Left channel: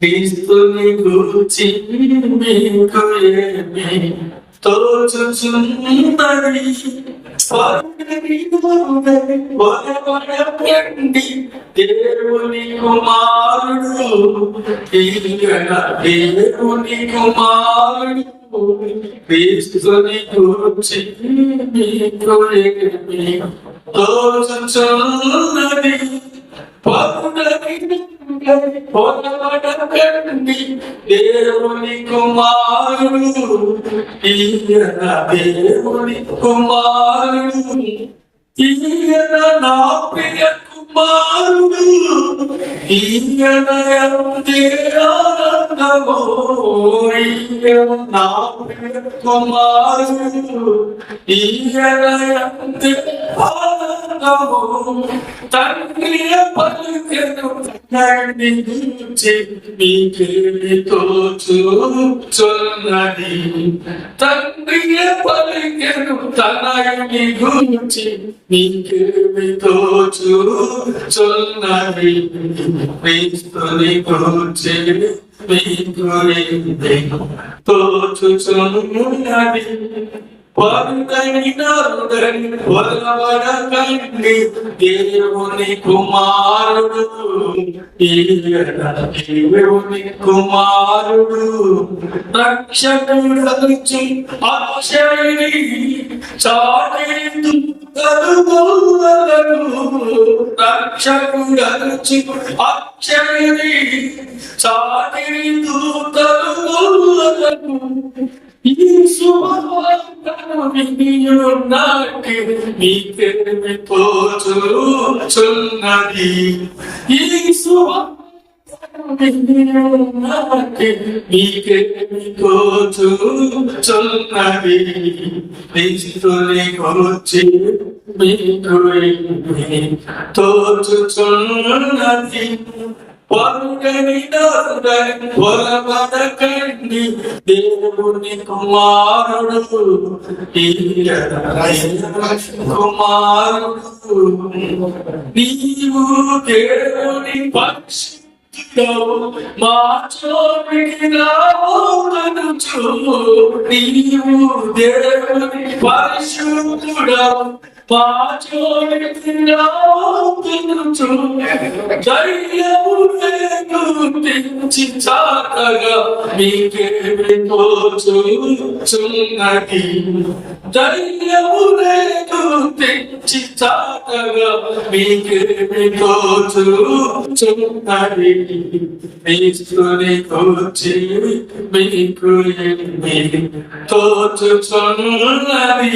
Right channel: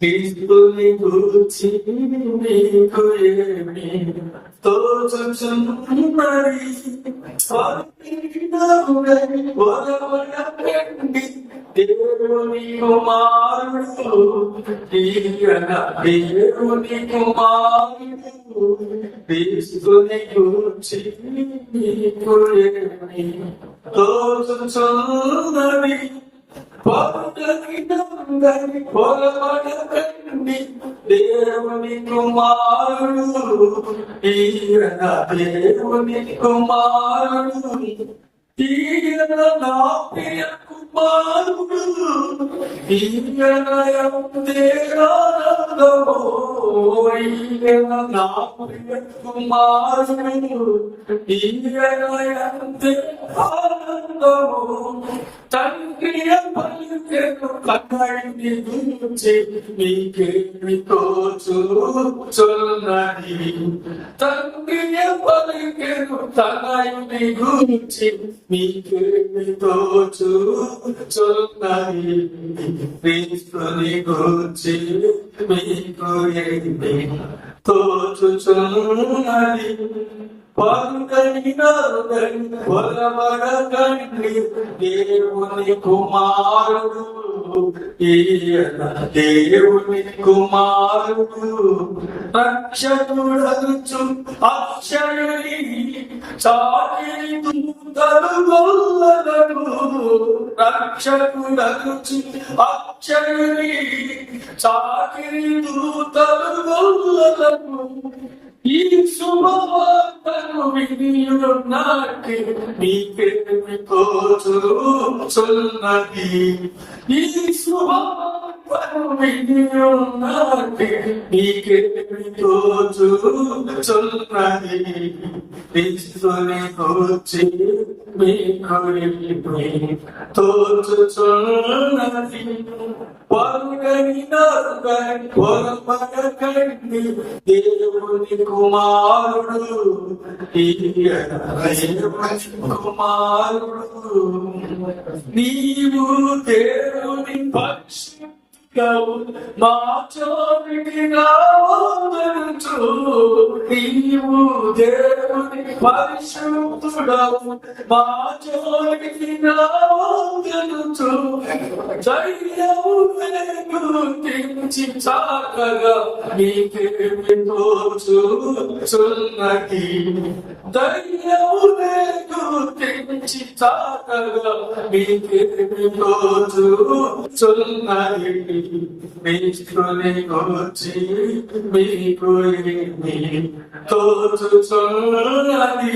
క్రీస్తుని గూర్చి మీకు ఏమి తోచుచున్నది పరుగని నరుగని పొరవడకండి దేవుని కుమారుడు ఈయన దేవుని కుమారుడు క్రీస్తుని గూర్చి మీకు ఏమి తోచుచున్నది పొరవడకండి దేవుని కుమారుడు ఈయన దేవుని కుమారుడు ఈయన నా ప్రియ కుమారుడు ఈయన ఆనందమో ఈయన నా ప్రియ కుమారుడు ఈయన ఎంతే ఆనందము తండ్రియ పలుకెను పక్కడి గురించి మీకేమి తోచుచున్నది తండ్రియ పలుకెను తనయుని గురించి మీకేమి తోచుచున్నది క్రీస్తుని గురించి మీకు తోచుచున్నది పరుగని నరుగని పొరవడకండి దేవుని కుమారుడు ఈయన దేవుని కుమారుడు రక్షకుడచ్చు అక్షయని చాటేందు కలుగోలను రక్షకుడచ్చు అక్షయని చాటేందు కలుగోలను ఈ శుభవార్త శుభవార్తను వినియున్నాకి మీకేమి తోచుచున్నది ఈ శుభవార్తను వినియున్నాకి మీకేమి తోచుచున్నది క్రీస్తుని గురించి మీకు ఏమి తోచుచున్నది పరుగని దేవుని కుమారుడు కుమారుడు నీవు దేవుని పక్షి మా చోటికి నీవు దేవుని పరిశుద్ధుడవు మా చోటికి రావోదనుచు ధైర్యము గుర్తించి చాటగా మీకేమి తోచుచున్నది ధైర్యము గుర్తించి కూర్చి మీకు ఏమి తోచుచున్నది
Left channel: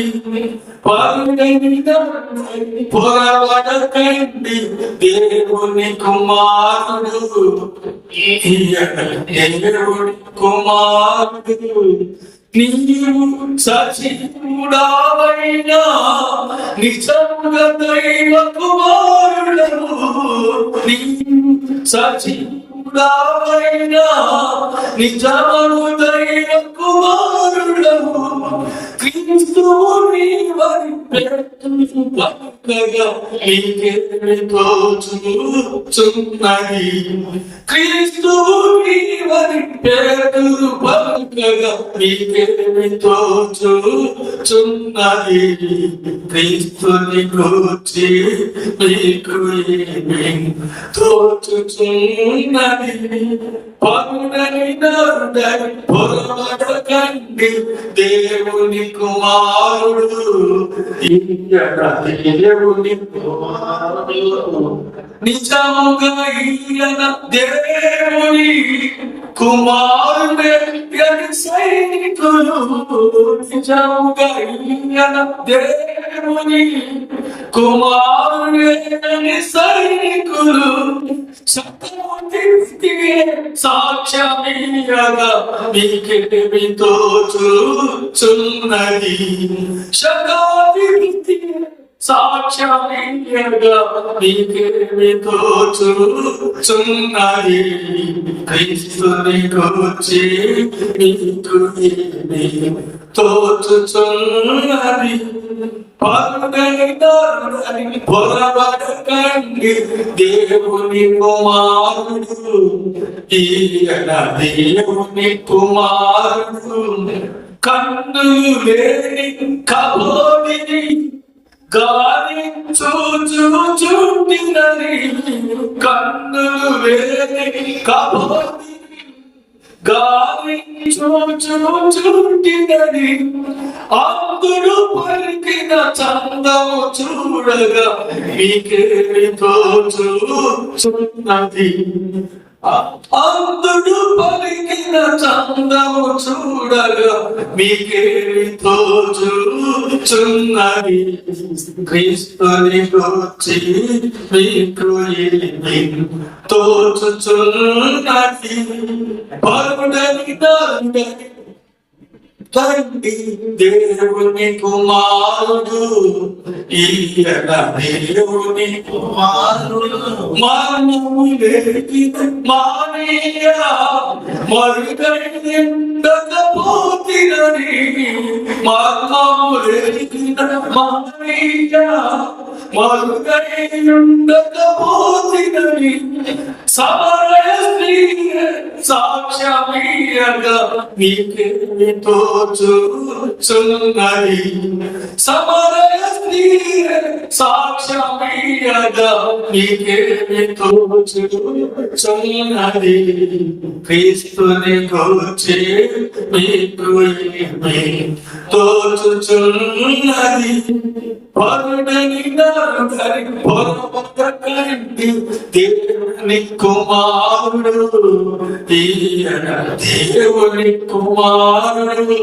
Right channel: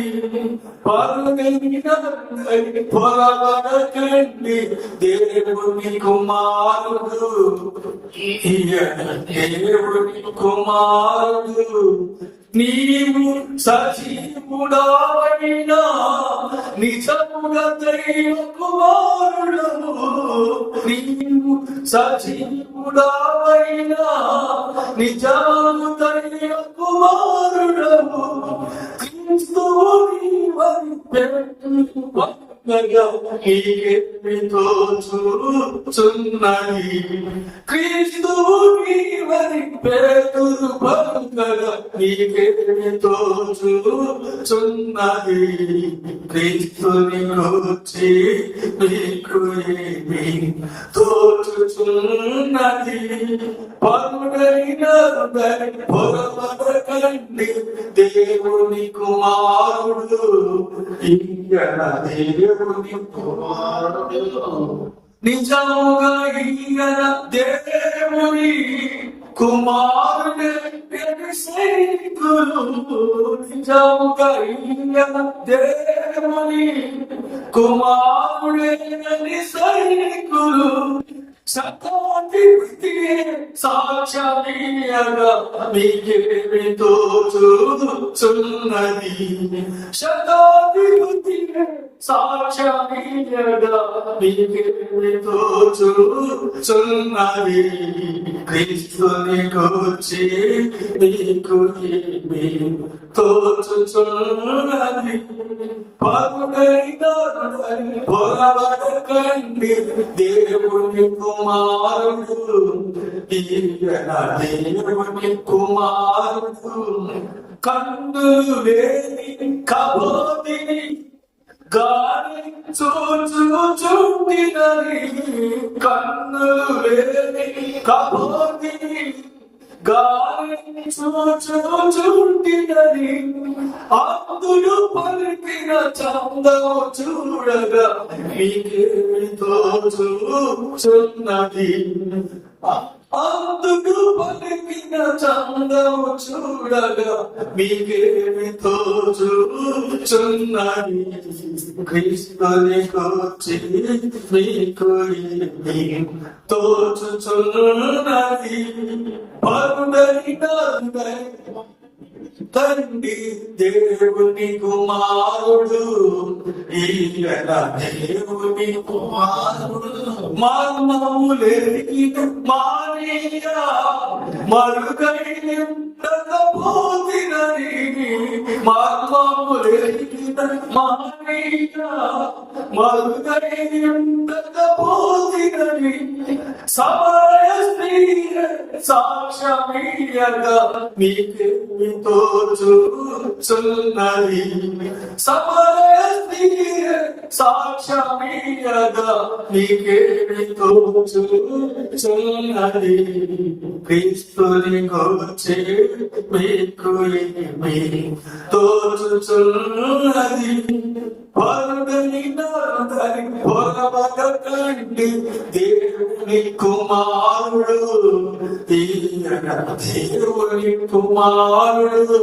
పొరవడకండి దేవుని కుమారుడు దేవుని కుమారుడు నీవు సజీవుడావైనా నిజముగా దైవ కుమారుడము నీవు సజీవుడావైనా నిజము దైవ What? పక్కగా నీకేమి తోచుచున్నది క్రీస్తుని నీవరి పెట్టు పక్కగా నీకేమి తోచుచున్నది క్రీస్తుని కూర్చి నీకు తోచుచున్నది. పగుడని నరుడని పొరవడకండి దేవుని కుమారుడు. ఈయన దేవుని నిజముగా ఈయన దేవుని కుమారుడే సైనికులు నిజముగా ఈయన దేవుని కుమారుడే అని సైనికులు సతమతివే సాక్ష్యమీయగా మీకేమి తోచుచున్నది. శతాధిపతి సాక్షి సాక్ష్యమీయగా నీకేమి తోచుచున్నది క్రీస్తుని కూర్చి నీకు ఏమి తోచుచున్నది పరుడైనరుడని పొరబడకండి దేవుని కుమారుడు ఈయన దేవుని కుమారుడు కన్నులు లేని కబోదిని గాలి చూచు చూటినని కన్నులు వేది కబోది గాలి చూచు చూటినని అందుడు పలికిన చందము చూడగా మీకేమి తోచుచున్నది. అందుడు పలికిన చందము చూడగా మీకేమి తోచుచున్నది క్రీస్తుని కూర్చి మీకు ఏమి తోచుచున్నది పరుడని నందని తండ్రి దేవుని కుమారుడు ఈయన దేవుని కుమారుడు మర్మము లేకిన మానీయ మరుగైండకపోతినని మర్మము లేకిన మానీయ మరుగైండకపోతినని సాక్ష్యమీయగా నీకేమి తోచుచున్నది సమరయ స్త్రీ సాక్ష్యమీయగా నీకేమి తోచుచున్నది క్రీస్తుని కూర్చి మీకు ఏమి తోచుచున్నది పరుడని నరుడని పొరబడకండి దేవుని కుమారుడు ఈయన దేవుని కుమారుడు.